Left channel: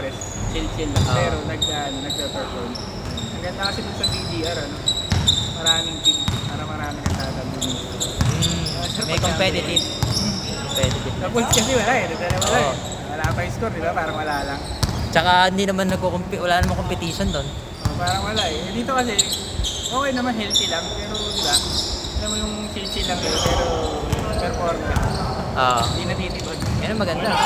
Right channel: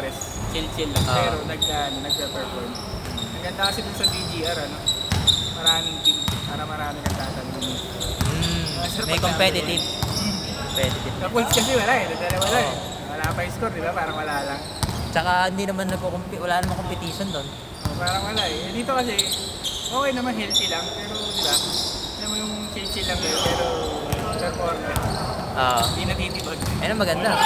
stress. Chill lang. Pero nagpe-perform. Maganda kasi dun sa BGR, ano? Maraming team. Maraming kang tatanungin. May competitive. Competitive. Sa points kasi wala eh. Wala Oo. eh. Wala pa yung score, di ba? Parang wala lang. Tsaka hindi naman wala namang competition doon. Parang wala eh. Dito kasi, okay naman, healthy lang. Pero, di ba? Alam mo yung chill lang kayo, pero performance. Oo. Hindi natitipag. Yan ang maganda.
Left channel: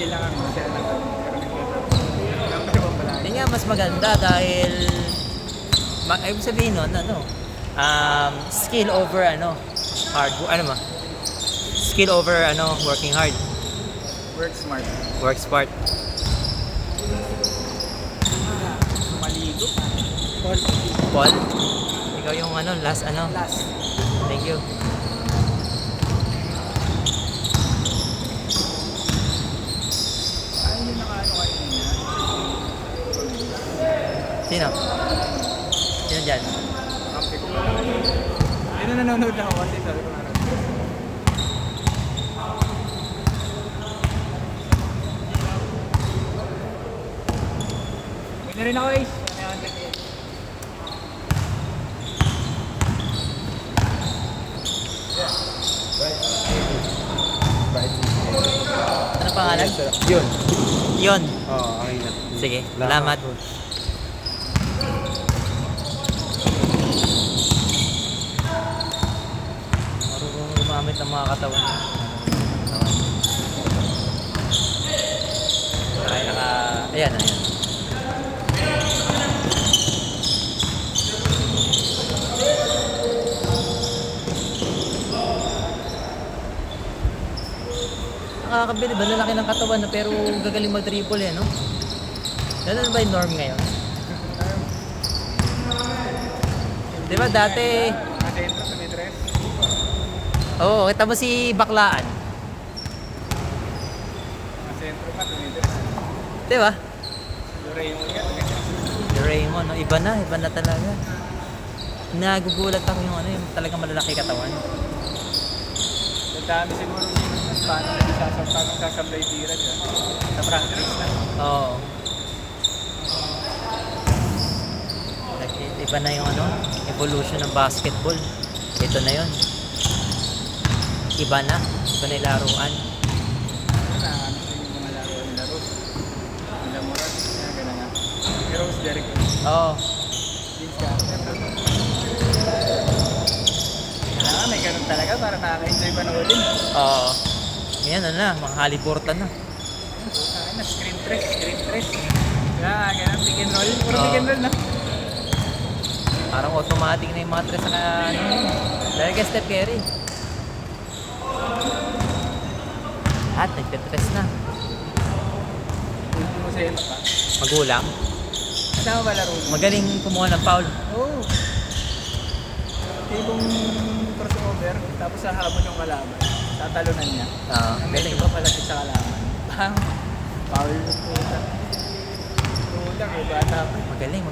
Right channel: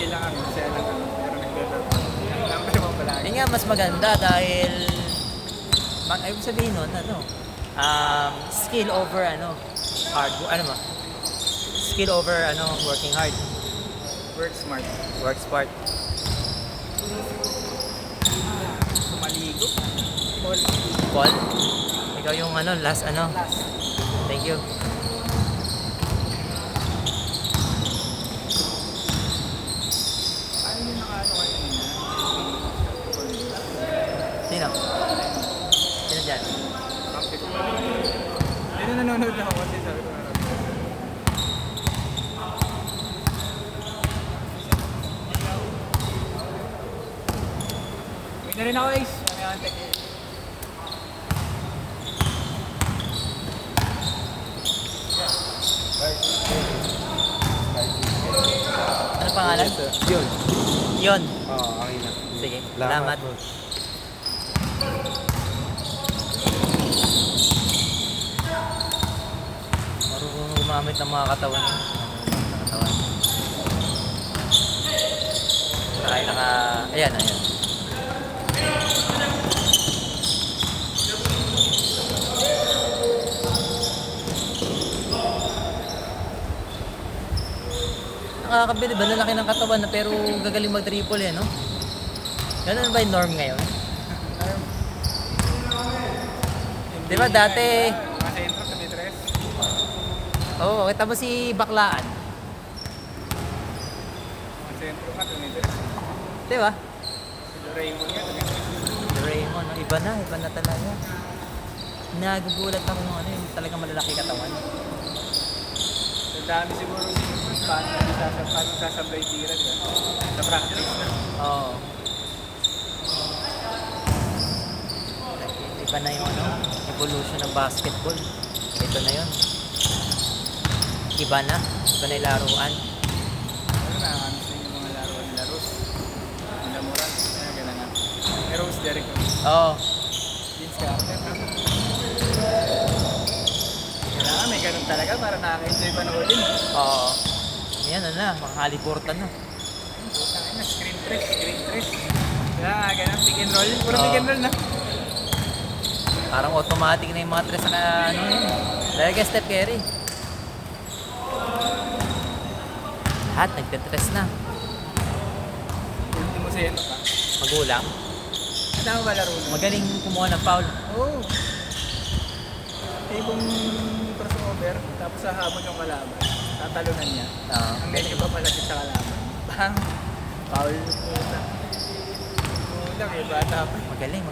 Chill lang kami. Kasi ano pero nagpe-perform pala. Yun nga mas maganda dahil ibig sabihin nun, skill over hard, skill over working hard. Work smart. Work smart. Maligo. Paul, ikaw yung last Last. Thank you. Ano yung nakaano kayo niya? Sino? Sino dyan? Kampi ko pala. Pero nanonood ako kasi sabi ko meron. Hindi rin ako guys. Ano pangalan? Yun. Yon. Oo, okay na. Sige, salamat. Marunong gumamit ng mga katawan. Ayan. Nakakabili ba? Lalaki ng katawan na pero gagaling mag-triple no? Ganun ba yung norm ngayon? Di ba dati... Oo, kita mo si Baklaan. Mga sentro ka, tumidiras. Di ba? Doraemon yan. Doraemon, no? Iba na talaga. Nagugulat ako yung talagang malalaki katawan. Sa dami siguro sinunod, paano sasablay tira dyan? Sa practice na. Oo. Iba na yung evolution ng basketball. Ito na yun. Iba na yung laruan. Pero mas Derek. Oo. Kailangan may ganun talaga para nakaka-enjoy panoodin. Oo. Yan mga Haliburton na. Ayun, puta na, screen press. Kaya ganun, pick and roll. Pero Oo. pick and roll na. Parang automatic na yung mga tres na dahil kay Steph Curry. At nagka-tres na. Hindi mo siya pa. Magulang. Tama ba laro nun? Magaling kumuha ng foul. Oo. Tipong crossover, tapos sahabon yung kalaban. Tatalunan niya. Ang medyo pa palapit sa kalaban. Bang! Foul yung puta. Puta, may bata pa. Magaling.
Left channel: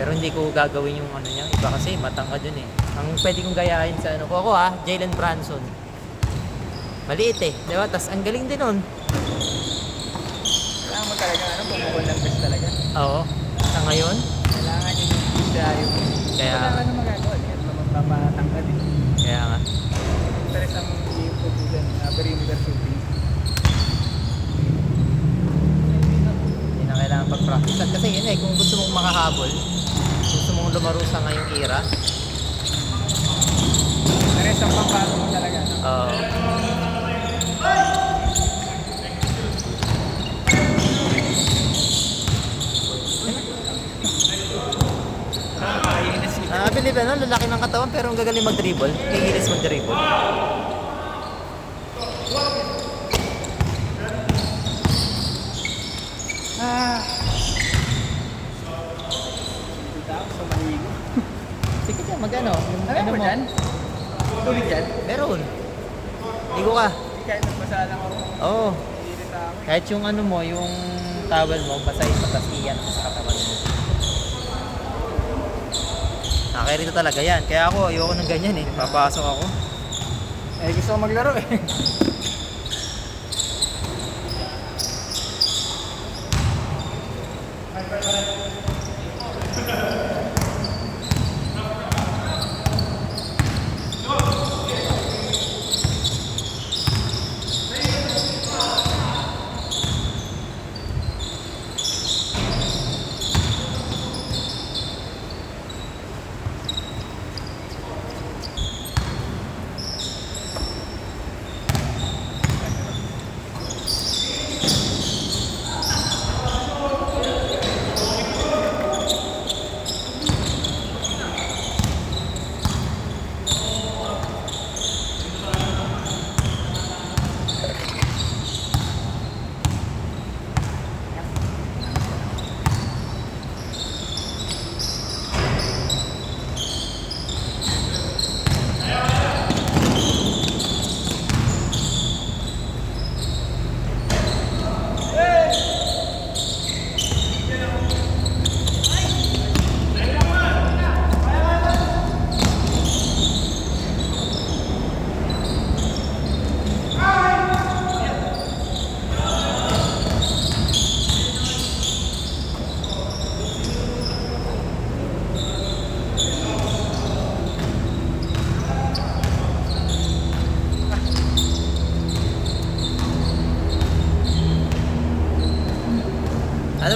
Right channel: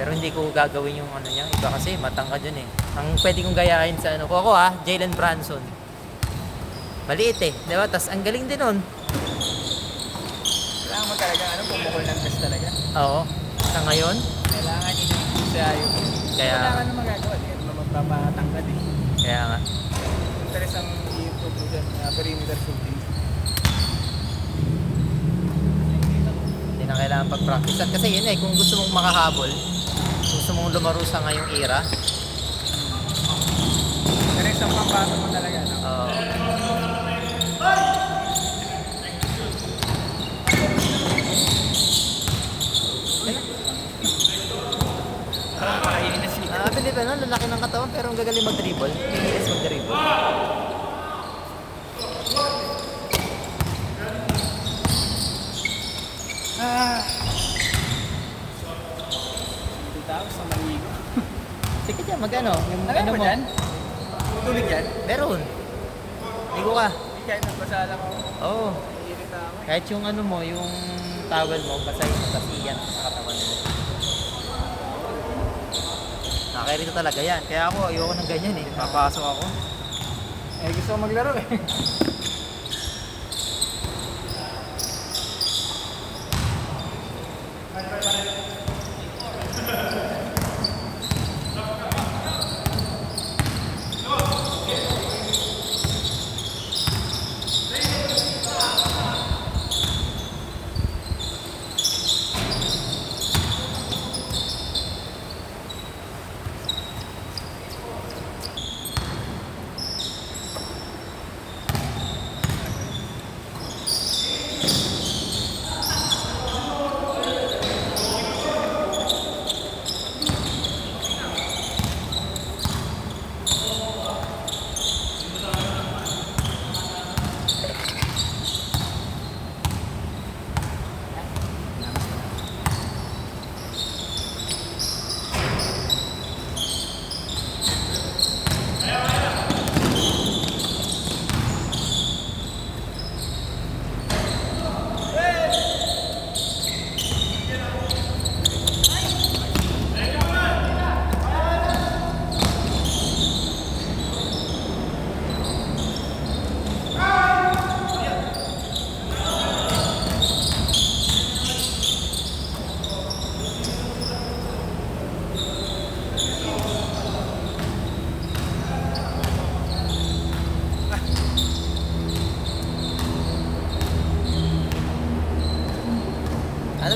Pero hindi ko gagawin yung niya. Iba kasi matangkad yun eh. Ang pwede kong gayahin sa ko ako Jalen Brunson. Maliit eh. Di ba? Tas ang galing din nun. Kailangan mo talaga, bumabal ng best talaga. Oo. Sa ngayon. Kailangan yung siya yung... Kaya... Wala ka na magagawa niya. Mamatangkad eh. Kaya nga. Interes ang i-improve mo dyan, perimeter shooting. Hindi na kailangan pag-practice. At kasi yun kung gusto mong makahabol, gusto mong lumaro sa ngayong era. Interes ang pangbato mo talaga, no? Oo. Believe lalaki ng katawan pero ang gagaling mag-dribble. Kikilis mag-dribble. Sige dyan, mag-ano? Ano ba dyan? Tulig dyan? Meron. Ligo ka. Kahit nagbasa lang ako. Oo. Iirita ako eh. Kahit yung yung towel mo, basta yung matasiyan sa katawan mo. Nakairito talaga yan. Kaya ako, ayoko ng ganyan eh. Papasok ako. Eh, gusto ko maglaro eh.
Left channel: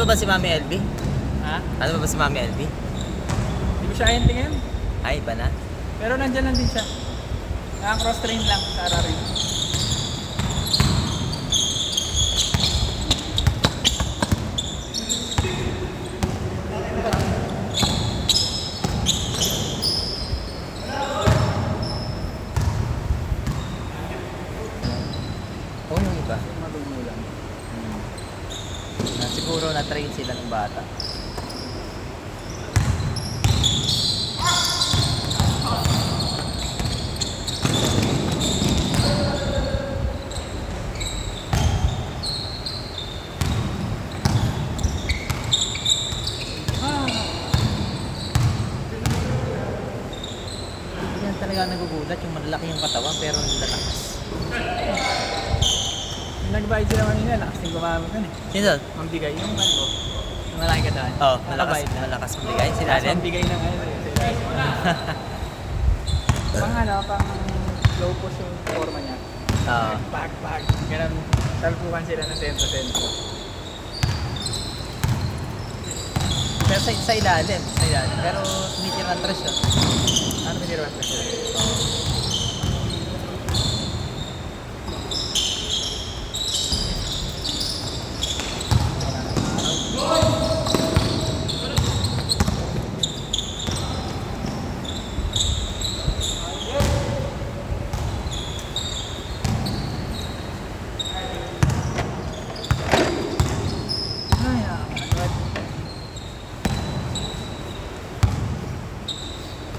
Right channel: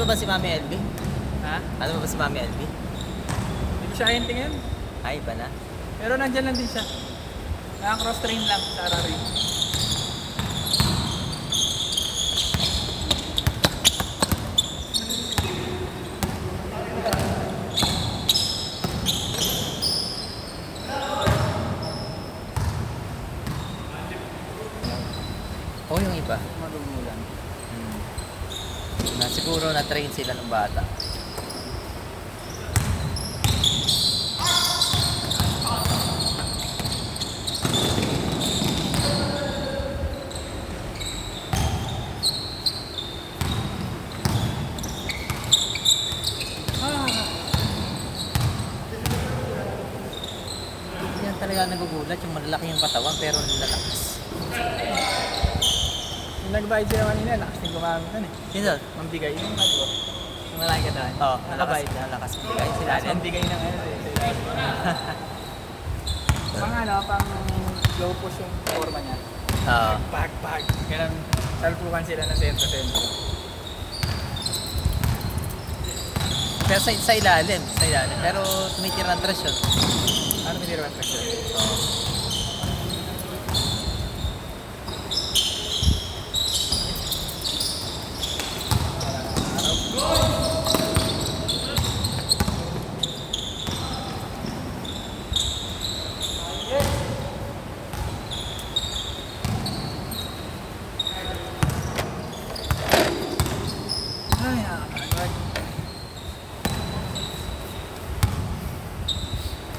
Panalo ba si Mami LB? Ha? Ano ba si Mami LB? Hindi ko siya ayun tingin. Ay, iba na. Pero nandyan lang din siya. Naka-cross train lang sa Ararin. Oo, yung iba. Siguro na-train sila ng bata. Yan talaga nagugulat, yung malalaki yung katawan pero hindi lalakas. Yung nag-bite sila kanina, lakas din gumamit nun eh. Sino? Mambigay yung kalbo. Yung malaki katawan. Oo, Nakabite. Lalakas ang bigay. Sila Lakas din. mambigay ng ano eh. Sila. Pang ano, pang low push yung forma niya. Oo. Bag. Ganun. Talpukan sila ng sento-sento. Pero sa ilalim. Pero tumitira ang tres yun. Ano niliruan ko siya?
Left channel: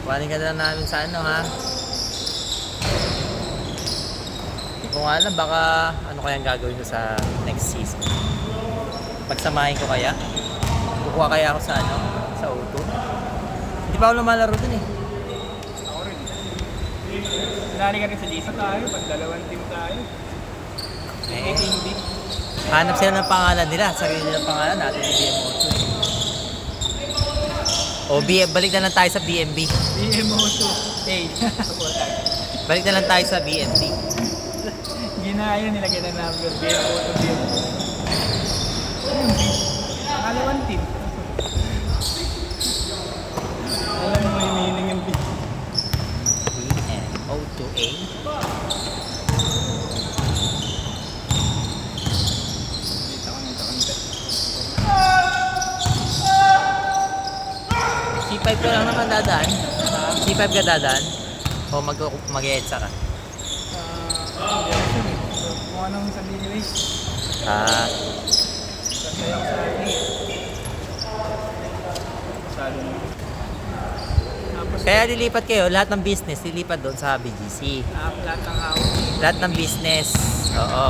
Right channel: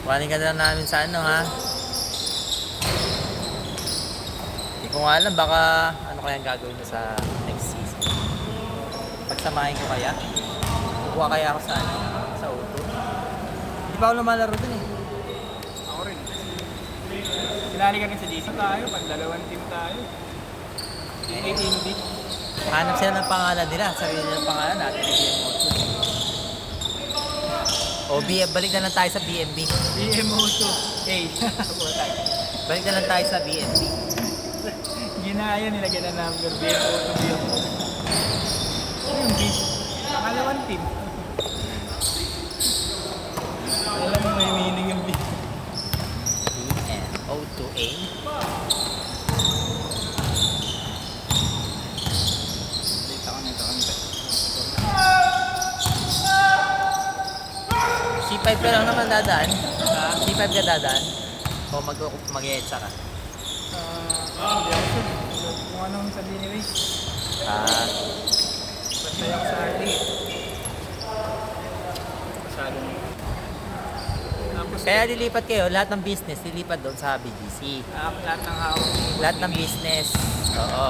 Kuhanin ka na lang namin sa ano ha. Hindi ko nga alam, baka ano kayang gagawin ko sa next season. Pagsamahin ko kaya. Kukuha kaya ako sa ano, sa auto. Hindi pa ako lumalaro dun eh. Ako rin. Sinali ka rin sa Jason tayo pag dalawang team tayo. A team B. Hanap sila ng pangalan nila, sarili nilang pangalan natin. O balik na lang tayo sa BNB. BMO2 A. Putak. Balik na lang tayo sa BNB. Ginaya nilagyan na number BMO2 BMO2. Ano yung B? Pangalawang team. Alam mo may meaning yung B. BNO2A. C5 ka lang naman dadaan. C5 ka dadaan. O mag-edsa ka. Hindi ako sure eh. So, kung anong sabihin ni Ray. Ah, Tapos, kaya lilipat kayo, lahat ng business lilipat doon sa BGC. lahat ng hawak. Lahat ng business. Oo.